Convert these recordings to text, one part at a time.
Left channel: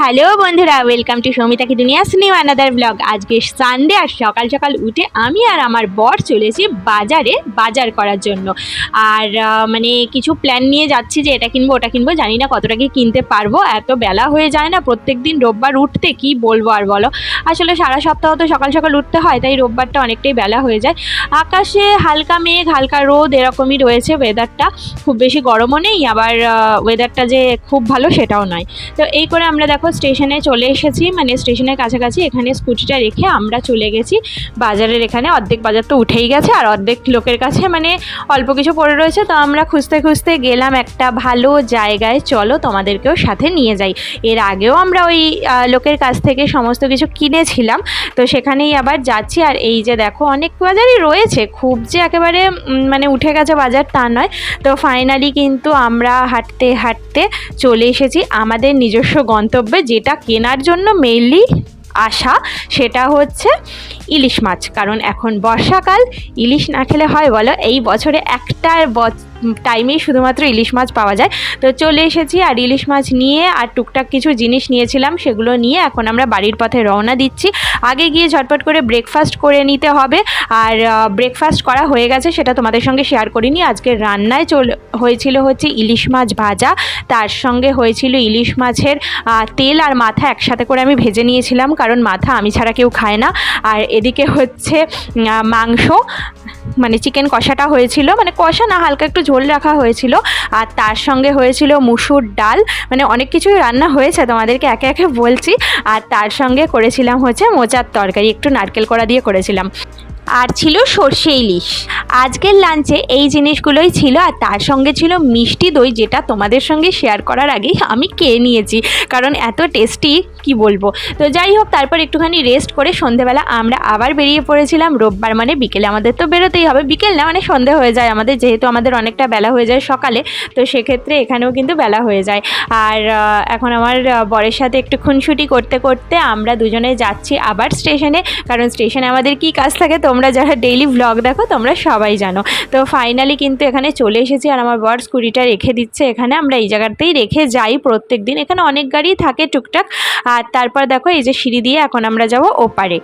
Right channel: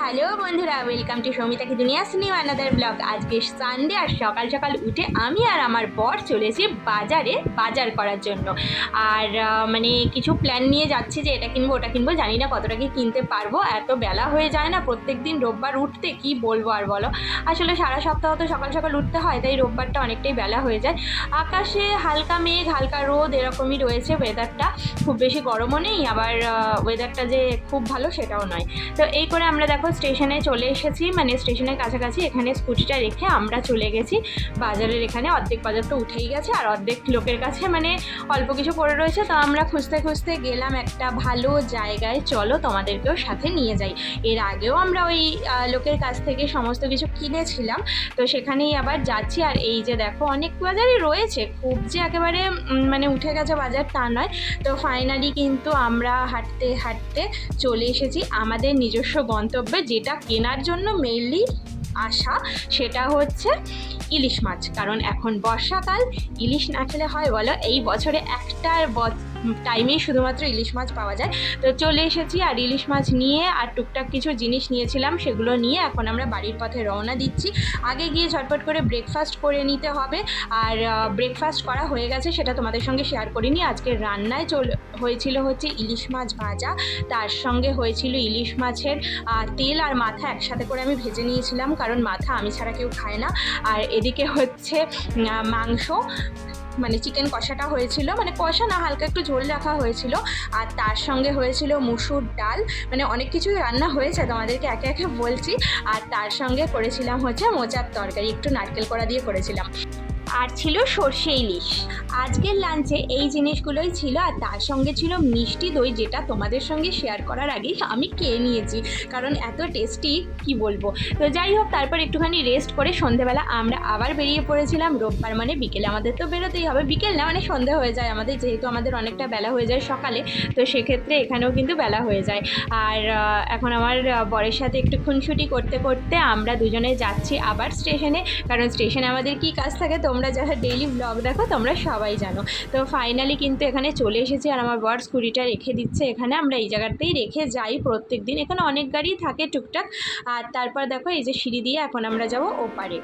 Hello বন্ধুরা, welcome to Soumita কি দুনিয়া নিউ অ্যানাদার ব্লগ। আজকে সানডে আর সকাল সকাল উঠে আমি আর আমার বর চলেছি বাজারে বাজার করার জন্য। আর মানে কিছু প্ল্যান নিয়ে যাচ্ছি যে এটা কিনবো ওটা কিনবো, জানি না কতটা কি কিনতে পারবো, এত বেলা হয়ে যায় না প্রত্যেক দিন রোববার উঠতে, কি বলবো আর বলো। আসলে সারা সপ্তাহ তো সকাল সকাল উঠতে হয়, তাই রোববারটা অনেকটাই বেলা হয়ে যায়। আকাশে হালকা মেঘ হালকা রোদ এরকমই রয়েছে, ওয়েদারটা খুব বেশি গরমও নেই, আবার ওয়েদারটা যে খুব ভালো সেটাও নয়। তো এই করে আমরা দেখো স্টেশনে চলে এসেছি, মানে স্টেশনের কাছাকাছি। এখানে স্কুটিটা রেখে আমরা চলে গেছি বাজারের। এখানে অর্ধেক বাজার তো উঠেই গেছে আর অর্ধেক লোকের কাছে মানে অল্প কিছু পড়ে রয়েছে। তো আমরা খুঁজতে খুঁজতে গেলাম একটা ভালো জায়গায়, চলো তোমাদেরকেও সাথে নিয়ে যাই। এর আগেও আমরা ওই লোকের কাছ থেকে সমস্ত কিছু কিনেছিলাম, তো সেখানেই আবার যাচ্ছি। আর এই যে দেখো অনেক বাজারই রয়েছে, খুব যে একেবারে মানে উঠে গেছে বাজার তা নয়। তো ফাইনালি কিন্তু আমরা হাঁটতে হাঁটতে চলে এসেছি আমাদের নিজস্ব গন্তব্যে, যেটা কেনার জন্য মেইনলি আসা, সেটা হচ্ছে ইলিশ মাছ। কারণ এখন বর্ষাকাল, ইলিশ না খেলে হয় বলো? এই বছরে একটা টাইমেই শুধুমাত্র ইলিশ মাছ পাওয়া যায়। তো চলে এসেছি আর ইলিশ মাছ নিয়ে আর টুকটাক কিছু জিনিস নিয়েছিলাম, সেগুলো নিয়ে এখন আমরা বাড়ির পথে রওনা দিচ্ছি। আগে গিয়ে ঝটপট করে ব্রেকফাস্ট করে নিতে হবে। আর ব্রেকফাস্ট করা হয়ে গেছে, সেটা তোমাদের সঙ্গে শেয়ার করিনি। আজকে রান্নায় হয়েছিল হচ্ছে ইলিশ মাছ ভাজা, তার সঙ্গে হয়েছিল ইলিশ মাছের তেল আর মাথা একসাথে করে আমি ভেজে নিয়েছিলাম, কারণ মাথা আমি ছাড়া কেউ খায় না। আর এদিকে হচ্ছে মাংস, মানে চিকেন কষাটা হয়েছিল, মানে কষা না হালকা একটু ঝোল রাখা হয়েছিল। আর তার সঙ্গে হয়েছিল মুসুর ডাল, মানে অনেক কিছুই রান্না হয়েছে, তোমাদেরকে একে একে বলছি। আর তার সঙ্গে করেছিলাম হচ্ছে মোচার তরকারি, একটু নারকেল কোড়া দিয়ে করেছিলাম। আর ছিল সর্ষে ইলিশ। আজকের লাঞ্চে এই জিনিসগুলোই ছিল। আর তার সঙ্গে ছিল মিষ্টি দই, যেটা তোমাদের সঙ্গে শেয়ার করার আগেই আমি খেয়ে নিয়েছি, কারণ এত টেস্টি কি বলবো। তো যাই হোক, তারপর একটুখানি রেস্ট করে সন্ধেবেলা আমরা আবার বেরিয়ে পড়েছিলাম। রোববার মানে বিকেলে আমাদের তো বেরোতেই হবে, বিকেল না মানে সন্ধে হয়ে যায় আমাদের, যেহেতু আমাদের অনেকটা বেলা হয়ে যায় সকালে, তো সেক্ষেত্রে এখানেও কিন্তু বেলা হয়ে যায়। আর এখন আমার বরের সাথে একটু খুনসুটি করতে করতে আমরা দুজনে যাচ্ছি আবার স্টেশনে, কারণ স্টেশনে আমাদের কি কাজ থাকে তোমরা যারা ডেইলি ব্লগ দেখো তোমরা সবাই জানো। তো ফাইনালি কিন্তু এখানে চলে এসেছি আর আমার বর স্কুটিটা রেখে দিচ্ছে এখানে। আমরা এই জায়গাতেই রেখে যাই প্রত্যেক দিন, এখানে অনেক গাড়ি থাকে টুকটাক। আর তারপর দেখো এই যে সিঁড়ি দিয়ে এখন আমরা যাব ওপারে।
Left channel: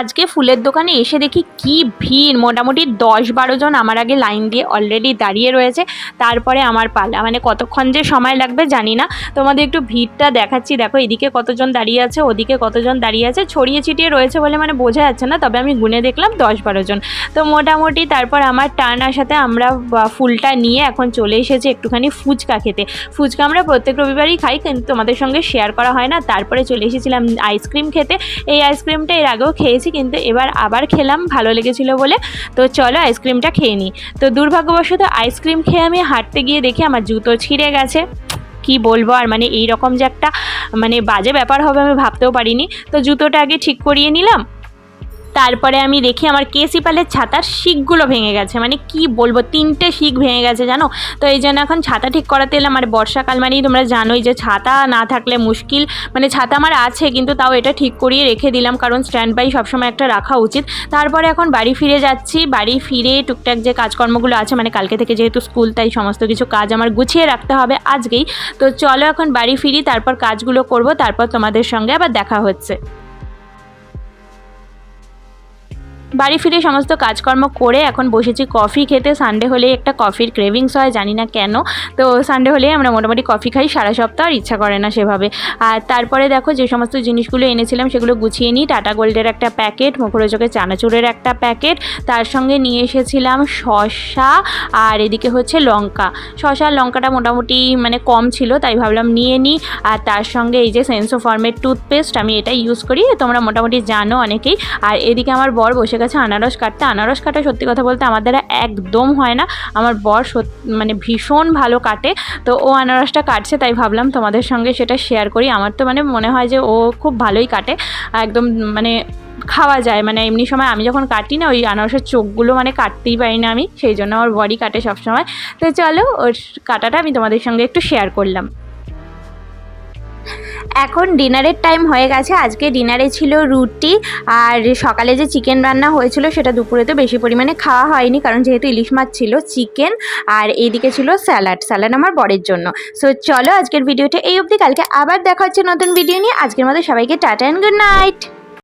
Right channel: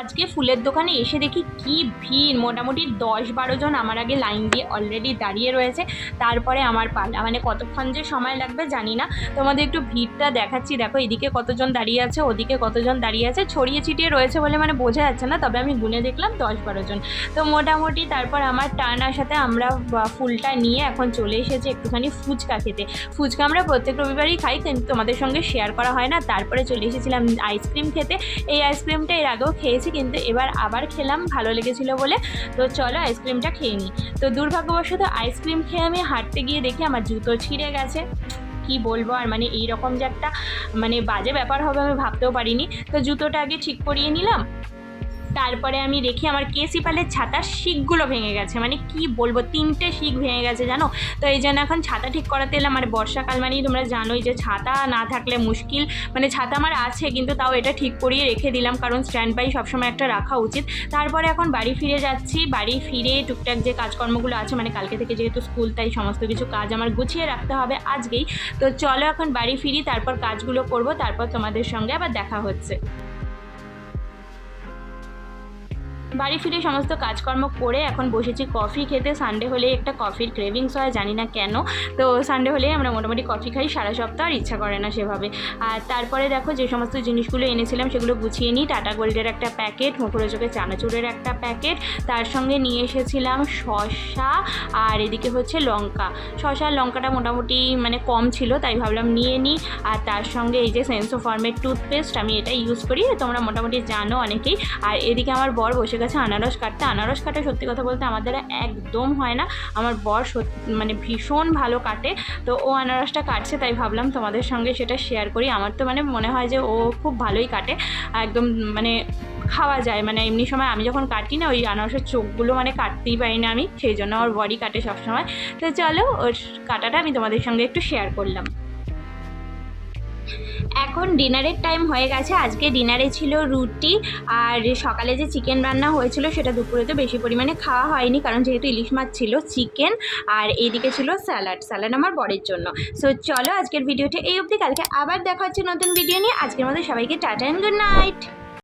আজকে ফুলের দোকানে এসে দেখি কি ভিড়, মোটামুটি 10-12 জন আমার আগে লাইন দিয়ে অলরেডি দাঁড়িয়ে রয়েছে। তারপরে আমার পালা, মানে কতক্ষণ যে সময় লাগবে জানি না। তোমাদের একটু ভিড়টা দেখাচ্ছি, দেখো এদিকে কতজন দাঁড়িয়ে আছে, ওদিকে কতজন দাঁড়িয়ে আছে, ছড়িয়ে ছিটিয়ে রয়েছে বলে মানে বোঝা যাচ্ছে না, তবে আমি গুনে দেখলাম 10-12 জন। তো মোটামুটি তারপর আমার টার্ন আসাতে আমরা ফুলটা নিয়ে এখন চলে এসেছি একটুখানি ফুচকা খেতে। ফুচকা আমরা প্রত্যেক রবিবারই খাই, কিন্তু তোমাদের সঙ্গে শেয়ার করা হয় না। তারপরে চলে এসেছিলাম আইসক্রিম খেতে। এই আইসক্রিমটা এর আগেও খেয়েছি, কিন্তু এবার আবার খেলাম, ভালো লেগেছিল বলে। তো চলো আইসক্রিমটা খেয়ে নিই। তো দুর্ভাগ্যবশত আইসক্রিম খেয়ে আমি হাঁটতে গিয়ে দেখি আমার জুতো ছিঁড়ে গেছে। কি বলবো আর, মানে এইরকম যে একটা মানে বাজে ব্যাপার হবে আমি ভাবতেও পারিনি। তো জুতোটা আগে ঠিক করিয়ে নিলাম, তারপরে আমি দেখি আমার কেসিপালের ছাতার শিকগুলো ভেঙে গেছে, মানে কি বলবো 3টে শিক ভেঙে গেছে জানো। তো এই জন্য এখন ছাতা ঠিক করাতে এলাম। আর বর্ষাকাল মানেই তোমরা জানোই যে ছাতা না থাকলে মুশকিল, মানে ছাতা আমার আছে কিন্তু তাও এটা ঠিক করিয়ে রেখে দিলাম, কারণ স্ট্যান্ড বাই সবসময় একটা রাখা উচিত। তারপরে এখন বাড়ি ফিরে যাচ্ছি, বাড়ি ফিরে টুকটাক যে কাজকর্মগুলো আছে, মানে কালকে থেকে যেহেতু স্কুল তাই সমস্ত কিছু কাজ আমার গুছিয়ে রাখতে হবে আজকেই। তো চলো এখন বাড়ি ফিরি, তারপর কাজগুলো করব, তারপর তোমাদের সঙ্গে আবার দেখা হচ্ছে। বাড়ি ফিরে সমস্ত কাজকর্ম করে এখন বসেছি কফি খেতে। সানডে হলেই একটা কফির ক্রেভিংস হয়, জানি না কেন। তো সানডে হলেই আমরা মোটামুটি কফি খাই, সারা সপ্তাহ আর ইচ্ছা করে না সেভাবে। আর তারপরে দেখো যে সমস্ত জিনিসগুলো এনেছিলাম সেগুলো গুছিয়ে নিই। টাটা গোল্ডের একটা প্যাকেট, মুখরোচকের চানাচুরের একটা প্যাকেট, তার সঙ্গে নিয়ে এসেছিলাম শসা, আর এদিকে হচ্ছে লঙ্কা। শসা লঙ্কাটা মোটামুটি মানে কম ছিল, তাই ভাবলাম নিয়ে নিই। আর তার সঙ্গে এই যে সেন্সোফর্মের টুথপেস্ট, আমি এটা ইউজ করি, তোমরা মোটামুটি জানো অনেকেই। আর এদিকে আমার বর বসে গেছে আনারস কাটতে। আনারস কাটা সত্যি কথা বলতে আমার দ্বারা একদম হয় না, আমার বর মানে ভীষণ ভালো কাটে। তো ও আনারসটা কাটছে, তাই ভাবলাম তোমাদের সঙ্গে সেটা শেয়ার করি। আমার তো মানে মনে হয় যে ও খুব ভালোই কাটে, একদম মানে খাওয়া যায়। মানে এমনি সময় আমি যখন কাটি না, ওই আনারসের চোখগুলো মানে কাটতেই পারি না আমি, সেই জন্য আমার বরই কাটে সবসময়। তো চলো ওর কাটাটা আমি তোমাদের সঙ্গে একটু শেয়ার করলাম। এখন ডিনারের টাইম হয়ে গেছে। আজকে ডিনারে ছিল রুটি, আর সকালে যে চিকেন রান্না হয়েছিল সেটা দুপুরে তো বেশি পরিমাণে খাওয়া হয়নি, কারণ যেহেতু ইলিশ মাছ ছিল, চিকেন আর এইদিকে ছিল স্যালাড আমার বরের জন্য। সো চলো আজকের ভিডিওটা এই অবধি, কালকে আবার দেখা হচ্ছে নতুন ভিডিও নিয়ে। আজকের মতো সবাইকে টাটা অ্যান্ড গুড নাইট।